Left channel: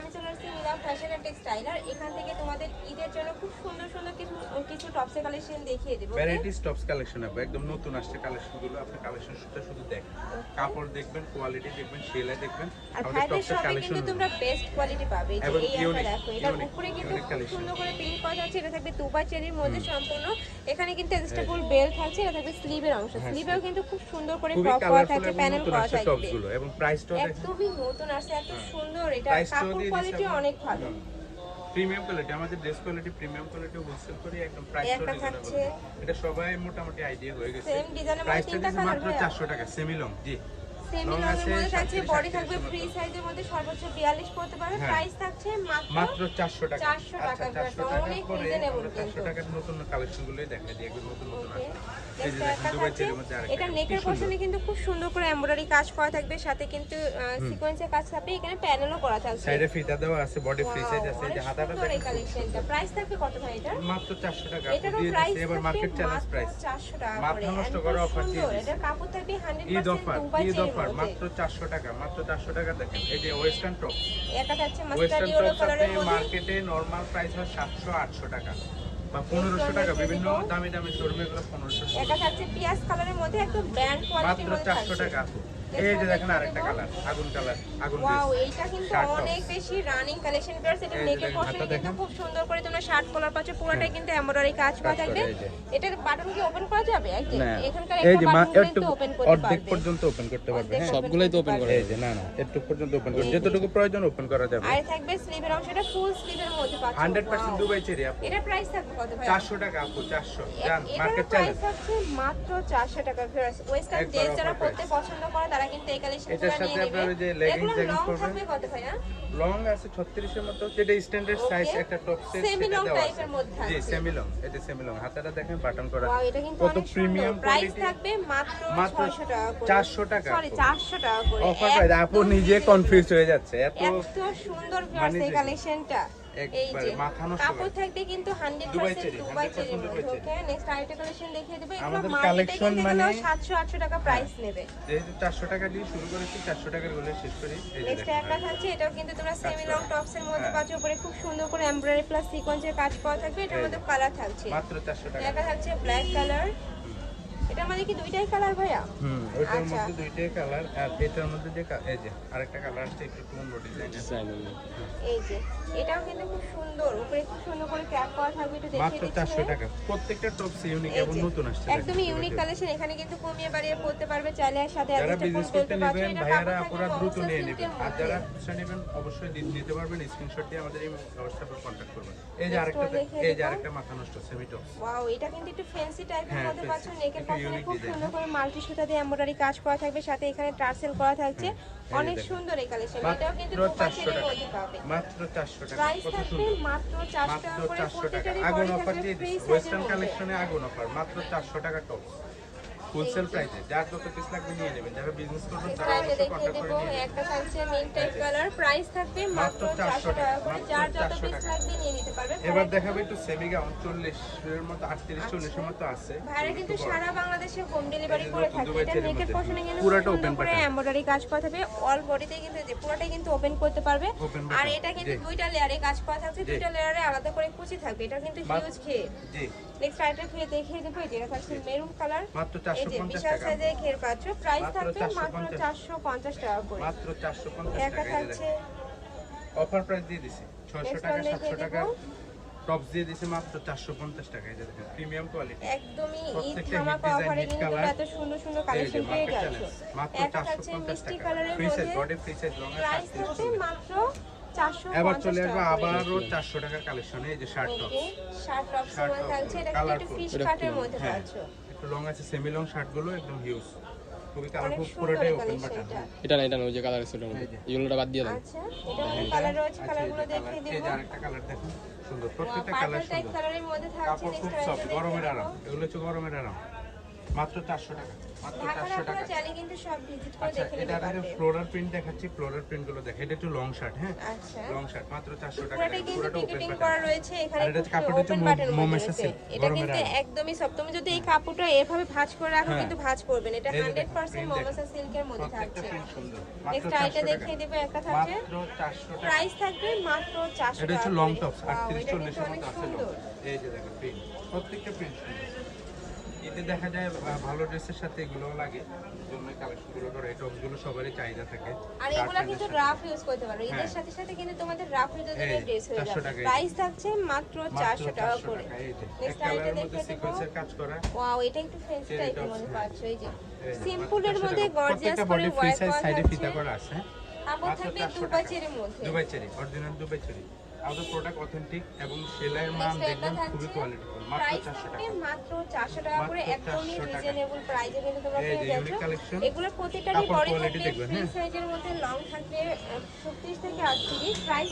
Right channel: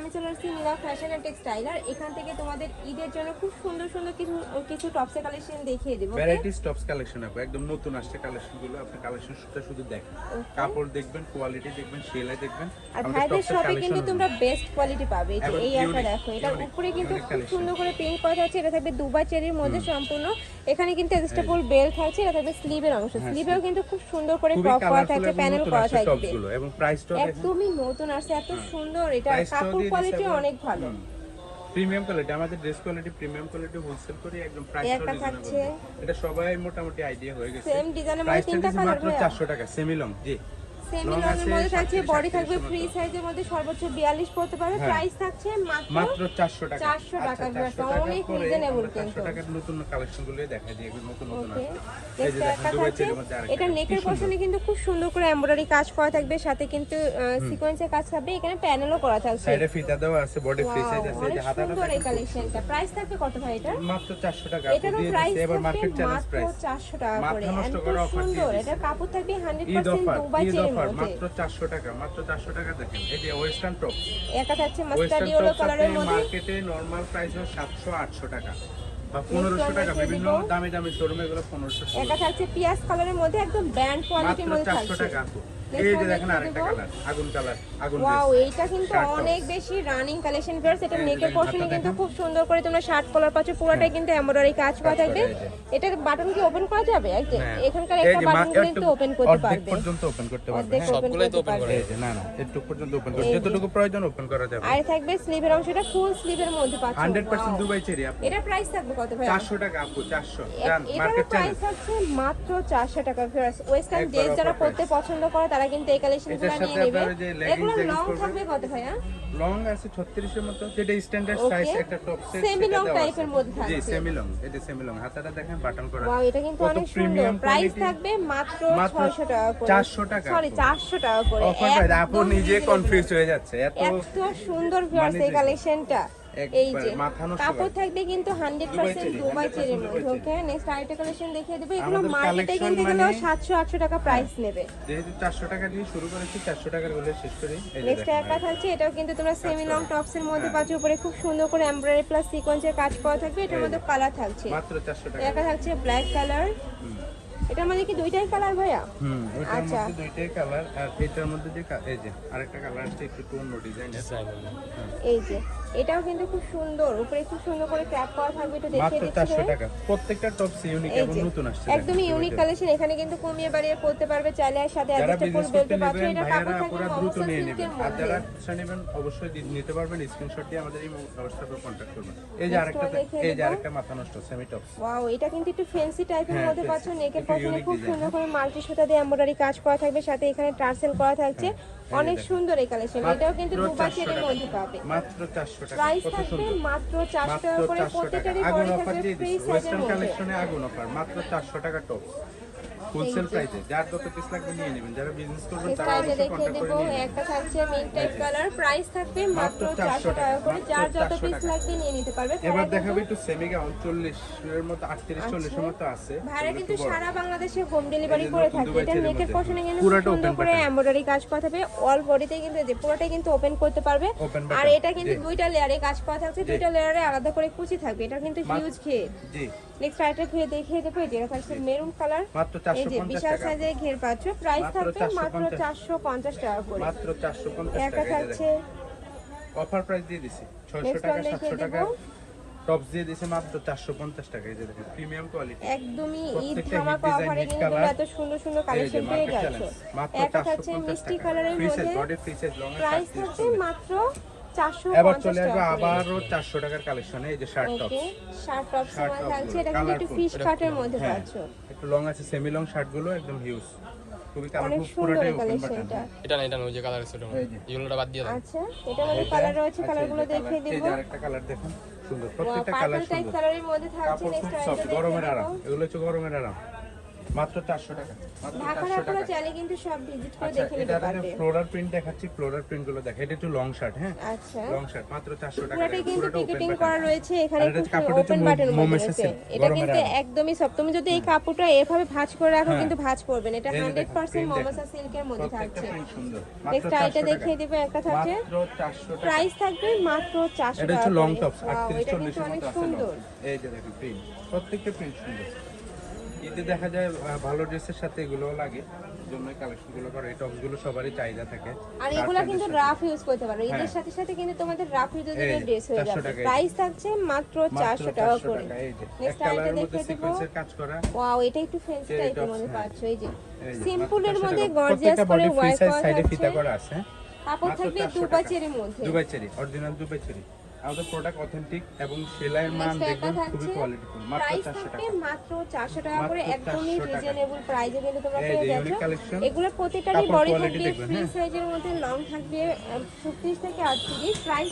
আমি চলে আসছি মিলা ফ্যাশন এন্ড টেক্সটাইল আর এখান থেকে তোমাদের ঈদের জন্য খুব সুন্দর সুন্দর কিছু কিছু টপসের কালেকশন দেখিয়ে দেবো ভ্যারাইটিস টপস কালেকশন আপু একদম নতুন আসছে কালেকশনগুলো। আপনি কালেকশন শুধু শুধু দেখেন। কাপড় দেখবেন কোয়ালিটি দেখবেন সেলাই দেখবেন। আমাদের শপে কালেকশন কিন্তু তোমরা বেস্ট কোয়ালিটি পাবে। এই একটা দেখো এটা উপরে কিন্তু সুন্দর করে প্রিন্ট করা আছে এটা থাকবে দুবাই চেরির মধ্যে সম্পূর্ণ। এখানে কিন্তু এক্সট্রাপল বেল্ট থাকছে। এটা থাকবে স্লিভের অংশ। স্লিভেও কিন্তু খুব সুন্দর করে হ্যাঁ, ক্রপ করা কালারফুল প্যানেল করা টপসগুলো এবং প্রাইসটাও দেখেন। একদমই নতুন আসছে এত সুন্দর। এটা কাপড় কোয়ালিটি অনেক ভালো। প্রিমিয়াম কোয়ালিটি আমাদের dress quality premium quality wholesale করি একদম প্রাইস রিজনেবল এটা সবাই মোটামুটি আইডিয়া হয়ে গেছে। সেম ডিজাইনের মধ্যে মাত্র চারশো টাকা সেমি লং জি। লং আছে মধ্যে থাকছে 37, বডি থাকবে ফ্রি সাইজের মধ্যে সর্বোচ্চ 42 পড়তে পারবে। প্রাইস থাকছে মাত্র মাত্র চারশো টাকা। 400 টাকা, বেশ, চারশো টাকার অনেক পরে reasonable আমরা চারশো কিন্তু। টাকার নতুন কালেকশনগুলো দেখাই দিই একদম নতুন নতুন ওকে এই যে দেখেন দুবাই চেরির মধ্যে আরেকটা এটা নেকের সুন্দর। কিন্তু খুব সুন্দর করে এমব্রয়ডারি কাজ করা থাকবে সাথে কিন্তু সিকোয়েন্সের কাজ থাকবে এখানে প্যানেলও করা থাকবে সাইডে ফিতা দেওয়া আছে বডি ফ্রি সাইজ আছে এই যে হাতাটা দেখেন কালেকশনটা প্রাইস থাকবে কত ভাই এটা মাত্র চারশো টাকা আপু দিয়ে প্রাইস এবার মার্কেট চ্যালেঞ্জ প্রাইস চারশো টাকা মাথা নষ্ট করা offer দিয়ে কাপড় থাকবে hundred Eid offer Dubai Eid চেরির offer মাত্র চারশো টাকা মাত্র চারশো টাকা দেখেন। এই যে ওয়েস্টার্ন টপ এটা হচ্ছে ওয়েস্টার্ন মাস্টার্ড ইয়েলো কালারের মধ্যে মার্কেটে নরমাল প্রাইস হয় সাতশো আটশো টাকা বা পনেরোশো টাকা বিভিন্ন দামি দামি শোরুমে এগুলো পনেরোশো এটা হচ্ছে পিয়াস কালারের মধ্যে একদম ব্র্যান্ড কোয়ালিটির মাত্র মধ্যে চারশো থাকছে টাকা আপু। Next এই যে দেখেন আরেকটা কালার আগুন কালার আগুন ওয়াও। এইটা কিন্তু অনেক বেশি রানিং কালেকশন ভিউয়ার্স এটা যে নেকের দেখেন, কিন্তু খুব সুন্দর করে তোমরা শার্ট কলার পাচ্ছ পুরোটাই কিন্তু এমব্রয়ডারি কাজ করা থাকবে এটার বাটন কি ওপেন করা যাবে? এই এখানকার একটা বাটন একটু ওপেন করতে অর্ধেক পর্যন্ত ওপেন করতে পারবে হ্যাঁ। open তো করতে open এই যে না না একটু পর্যন্ত ওপেন করতে যতটুকু প্রয়োজন ওপেন করা যাবে। আর থাকবে স্লিভের অংশটা ফুল স্লিভের মধ্যে পাচ্ছ। Hundred percent Wow. Dubai cherry আপু। এটা প্রাইস থাকবে কত ভাই চারশো টাকা আপু চারশো। জান এটার মার্কেট চ্যালেঞ্জ মাত্র 400 টাকা ভিউয়ার্স ওয়েস্টার্ন একবার যারা পড়তে পছন্দ করে তারা কিন্তু এই কালেকশন এটার সাথে আপনার ওই যে leggings leggings লং থাকবে কত ভাইয়া? লং আছে 36 এর মতো। যেটা স্ট্যান্ডার্ড সাইজ একটা টপ সেট সেটা দেওয়া আছে। জি সেমি লং এটা সেমি লং হাতাটা দেখেন বাটন করা। ওয়াও এটা কিন্তু অনেক প্রিমিয়াম কোয়ালিটি থাকবে মাত্র মাত্র 600 টাকা করে। 400 টাকা সরি 400 টাকা করে। অফার প্রাইস আপু নিজে কনফিউজ হয়ে যাচ্ছে। এত এত সুন্দর ভিউয়ার্স এই কালেকশনটা এই যে মাথা কাপড় থাকবে কিন্তু 100% Dubai cherry, Dubai 100% cherry Dubai cherry. Okay next আরেকটা কালেকশন দেখিয়ে দেব। এগুলো মার্কেটে collection কিনতে গেলে মানে- 700 800 টাকা প্রাইস নেবে। যেহেতু 400 টাকা দিয়ে শুরু করেছি 400 টাকারগুলো শেষ করি। নেক্সট একটা থাকছে এটাও কিন্তু তোমরা সেমি লং টপস এর মধ্যে হ্যাঁ। পাচ্ছ উপরে খুব সুন্দর করে এমব্রয়ডারি প্লাস সিকোয়েন্সের কাজ করা থাকবে এটার মধ্যে কালার থাকছে। মাত্র 400 টাকা। একটা থাকছে ব্ল্যাক কালার। এটার মধ্যে কি দুইটাই কালার ভাইয়া? হুম আচ্ছা। মধ্যে দুইটাই কালার আর এটার মধ্যে যে এই যে আরেকটা কালার আছে একটু টোন ডিজাইনের এই যে এটাও কিন্তু খুব সুন্দর। উপরে খুব সুন্দর করে ক্র্যাক করা থাকবে একটু দেখিয়ে মাত্র 400 টাকা। প্রত্যেকটা টপস ইউনিক এবং নতুন আসছে একদমই ইউনিক কালেকশন এখানে কিন্তু কমিয়ে বাড়িয়ে করতে পারবে চাইলে আর সাথে যারা বিজনেস করতে নেবেন ভাইয়ারা থাকবে দ্রুত নিয়ে নেবেন। আর যারা খুচরা নেবেন অবশ্যই নিতে পারবেন স্ক্রিনশট দিয়ে আমাদের এই হোয়াটসঅ্যাপে কন্ট্যাক্ট করবেন। এই যে আরেকটা এই যে আরেকটা মাথা নষ্ট সেমি টপ ওয়াও এটা কিন্তু একটু ফ্যান্সি টাইপের হ্যাঁ, মধ্যে fancy, পাচ্ছ নেকের পাশে খুব সুন্দর করে মাল্টি সুতা দিয়ে এমব্রয়ডারি কাজ করা থাকবে সাথে এখানে টার্সেল করা থাকছে। অনেক সুন্দর এই কালেকশন এটাও কিন্তু দুবার 400 মধ্যে পাবে। মাত্র 400 টাকা। কত সুন্দর। মাত্র চারশো টাকা করে 400 টাকা। প্রত্যেকটারই আগুন অফার দিয়ে দিচ্ছে। ওয়েস্টার্ন কালেকশনে আগুন অফার মাত্র 400 টাকা টপ হোলসেল প্রাইসে যার যত পিস লাগবে নিয়ে নেবেন যারা বিজনেস করবেন তারা অবশ্যই দেখিয়ে কন্ট্যাক্ট করে নিয়ে নেবেন। একটা থাকছে মিন্ট কালার প্রাইস থাকবে মাত্র মাত্র 400 400 টাকা যার যত পিস লাগবে নিয়ে নিতে পারবে এবার দেখাবে একটু সেমি গাউন 40 এর মতো 38 40 এর মতো আছে ভাইরা একটু কিন্তু বড়। সারা বাংলাদেশে হোম ডেলিভারি করে থাকে এটা মধ্যে। পোর্শনে কিন্তু পুরোটা সুন্দর করে এমব্রয়ডারি কাজ করা থাকবে অল বডিতে কিন্তু এই যে পুরোটাই কিন্তু ওপেন করতে পারবে। আর এটা কিন্তু দুইটা লেয়ারে কাজ করা থাকছে দুইটা লেয়ারে আলাদা করে কুচি থাকবে এটা কিন্তু হিউজ ঘের জি। নেক্সট ঘের দেখিয়ে দেবো এই যে এটা থাকছে মেরুন কালার মাত্র এই যে বিশাল সাইজের ঘের পাচ্ছ প্রাইস মাত্র মাত্র 450 চারশো পঞ্চাশ টাকা করে। মাত্র 450 একটা টাকা থাকছে অফার প্রাইস দিয়ে দিছি। 600 Next টাকা 700 টাকা। টপস দিয়ে দিছে মাত্র 450 টাকা এই যে দেখেন প্রিমিয়াম কোয়ালিটি একদমই ঈদ hit কিন্তু colour। এত সুন্দর সুন্দর কালেকশন পেয়ে মার্কেট চ্যালেঞ্জ মাত্র একটা থাকছে 450 টাকা। Free size body free size long এর 37 মাত্র 450 এবার চলে আসবে আবারও 400 টাকার কালেকশনে এই যে শার্ট টপ শার্ট টপ মধ্যে হ্যাঁ একটু লং আছে সেমি লং শার্টগুলো একদম হিউজ খুবই কালারফুল পুরোটাই ওপেন বাটন এটা না এটা ওই যে কালার আছে। ইয়েলোটা বাদ দিয়ে আচ্ছা এটা কালার রয়েছে কালারগুলো দেখিয়ে এই যে আরেকটা কালার দেখুন সুন্দর। প্রত্যেকটা কালার সুন্দর। কাপড় খুব সফট গরমের আরাম। এগুলো হচ্ছে গরমের আরাম। মাত্র চারশো টাকা মাত্র ঢাকার চারশো আপনারা টাকা। চাইলে কিন্তু সব ভিজিট করে আচ্ছা দেখে নিতে এটা পারবেন। ফ্লোরাল প্রিন্ট দেখাচ্ছি ফ্লোরাল প্রিন্টগুলো দেখা এটা একটু লং শার্ট হ্যাঁ? আচ্ছা। লং শার্ট মাত্র চারশো টাকা পুরোটা পুরোটা ওপেন করা রয়েছে এখানে এটা কাপড়টা হচ্ছে ওপেন মো- বাটন মোমেসের রয়েছে। silk, এটা কিন্তু একদমই সব তুমি যদি এই কাপড়টা এভাবে ভাঁজ করে রাখো কিন্তু ভাঁজ করবে না। এটা হ্যাঁ। এই যে 100% দেখেন, সিল্কের মধ্যে প্রত্যেকটা থাকছে। সুন্দর। মাত্র টাকা। দেখিয়ে দেবে একটা থাকছে মাত্র চারশো টাকা। প্রাইস থাকবে মাত্র 400 এটা হচ্ছে লং। টপ Wow, আটত্রিশ এটা চল্লিশের কিন্তু মতো আছে এই যে দেখেন প্রিন্ট প্রত্যেকটা প্রিন্ট সুন্দর। এতে দেখা যায় ভালো ড্রেসের সাথে এগুলোও লাগে। জন্য কালেকশনগুলো করে। এই টপসগুলো সবারই চাহিদা থাকে। আর এগুলা কিন্তু রাফ ইউজ করতে পারো। এদের হ্যাঁ। সাথে সাথে কিন্তু তোমাদের রাফ ইউজের জন্য ড্রেস হয়ে যাবে প্রাইস থাকছে মাত্র মাত্র 400 টাকা 400 করে। এক কালারের মধ্যে সিকোয়েন্সের কাজ করা। ওয়াও এটা একটু Cherry টাইপের মধ্যে হ্যাঁ। এই যে সিম্পলের মধ্যে গর্জিয়াস করে সাইজ করা সাইডে ফিতা করা আছে। কাপড় থাকবে 400 দুবা টাকা। চেরির মধ্যে। Dubai cherry original Dubai cherry আমাদের প্রোডাক্ট অথেন্টিক এবং সেলাইয়ের মান দেখবেন খুবই কোয়ালিটি কোয়ালিটিফুল মাত্র প্রাইস চারশো থাকবে টাকা মাত্র 400 টাকা করে একদমই 400। রিজনেবল প্রাইসে কিন্তু তোমরা এই যে ইউনিক কালেকশন এগুলো প্রতিটারই বডি quality দেখবেন, হ্যাঁ। সাইজের মধ্যে লং থাকবে 36 থেকে 38 প্রাইস